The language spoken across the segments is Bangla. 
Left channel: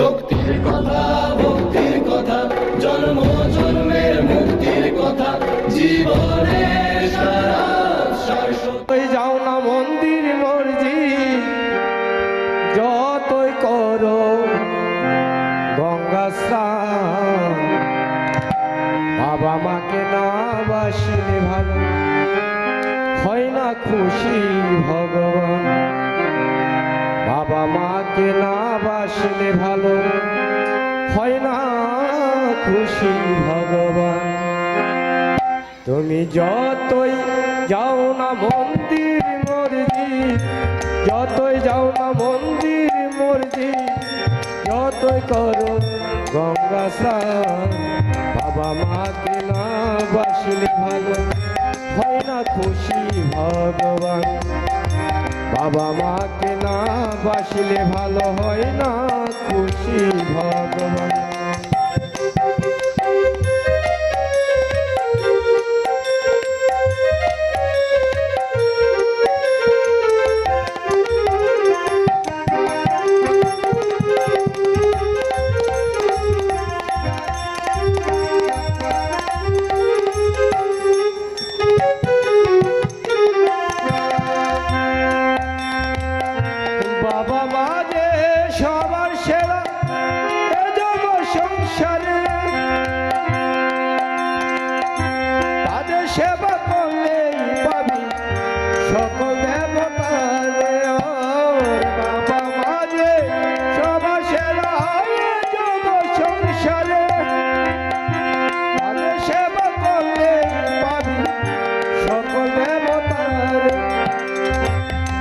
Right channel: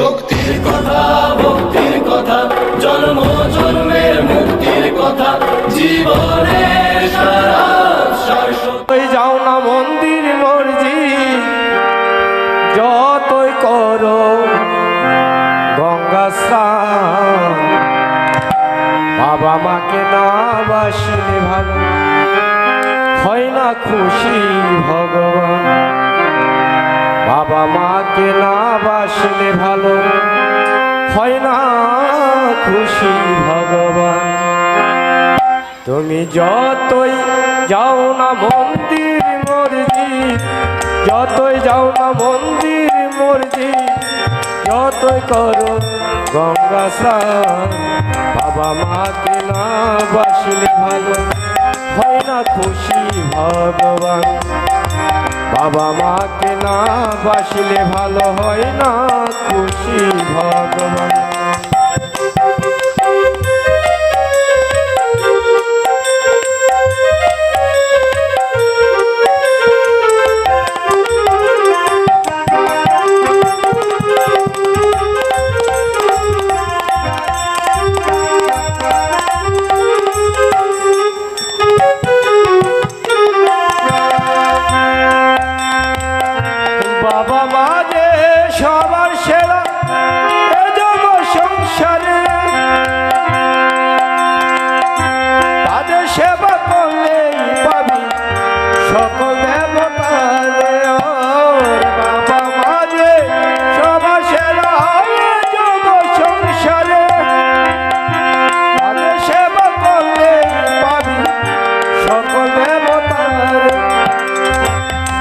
শক্তির কথা, ভক্তির কথা, জন্ম, জন্মের মুক্তির কথা, জীবনের সারা যাও না মন্দির মর্জি যতই করো, গঙ্গা স্নান। বাবা মাকে না বাসিলে ভালো, হয় না খুশি ভগবান। বাবা মাকে না বাসিলে ভালো। হয় না খুশি ভগবান। তুমি যতই যাও না মন্দির মর্জি যতই যাও না মন্দির মর্জি যতই করো গঙ্গা স্নান, বাবা মাকে না বাসলে ভালো। হয় না খুশি ভগবান। বাবা মাকে না বাসলে ভালো হয় না খুশি ভগবান।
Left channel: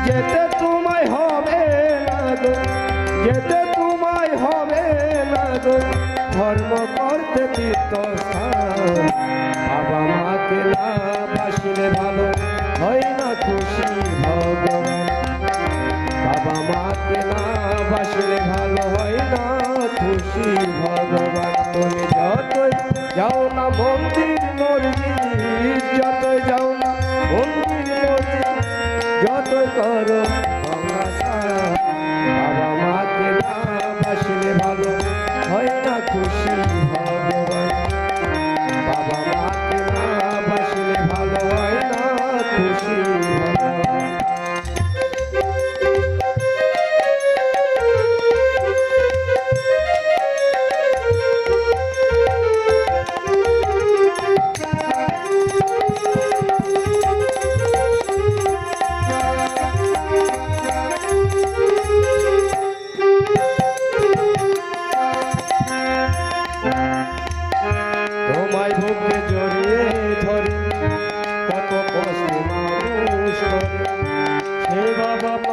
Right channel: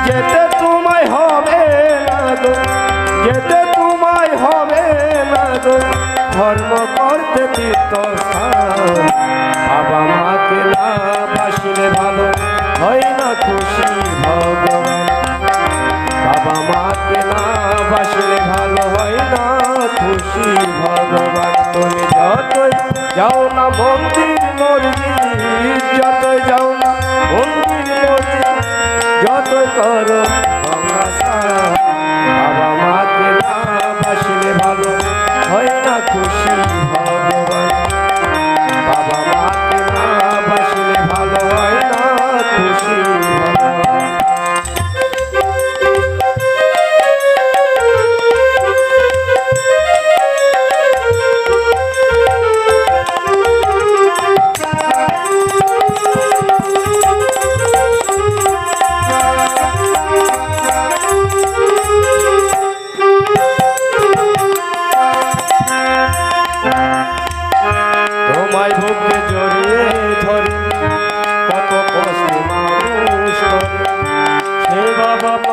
যেতে তোমায় হবে না গো যেতে তোমায় হবে না গো ধর্ম করতে বাবা মাকে না বাসলে ভালো হয় না খুশি ভগবান বাবা মাকে না বাসলে ভালো হয় না খুশি ভগবান তুমি যতই যাও না মন্দির, মসজিদ, যতই যাও করো।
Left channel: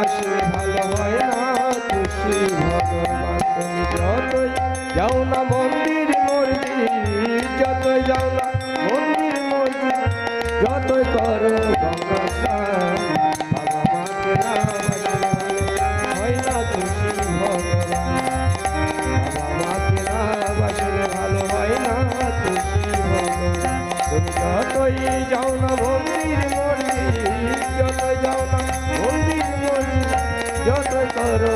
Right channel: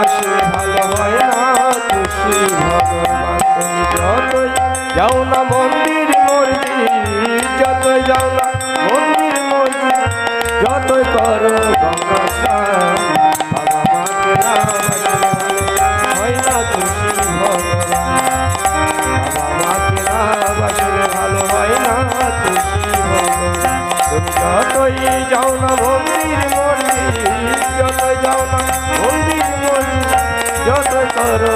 বাসলে ভালো হয় না খুশি যাও না মন্দির, মসজিদ, যতই যাও না মন্দির, মসজিদ, যতই করো যতই যাও মন্দির মন্দির যাও না মন্দির মন্দির করো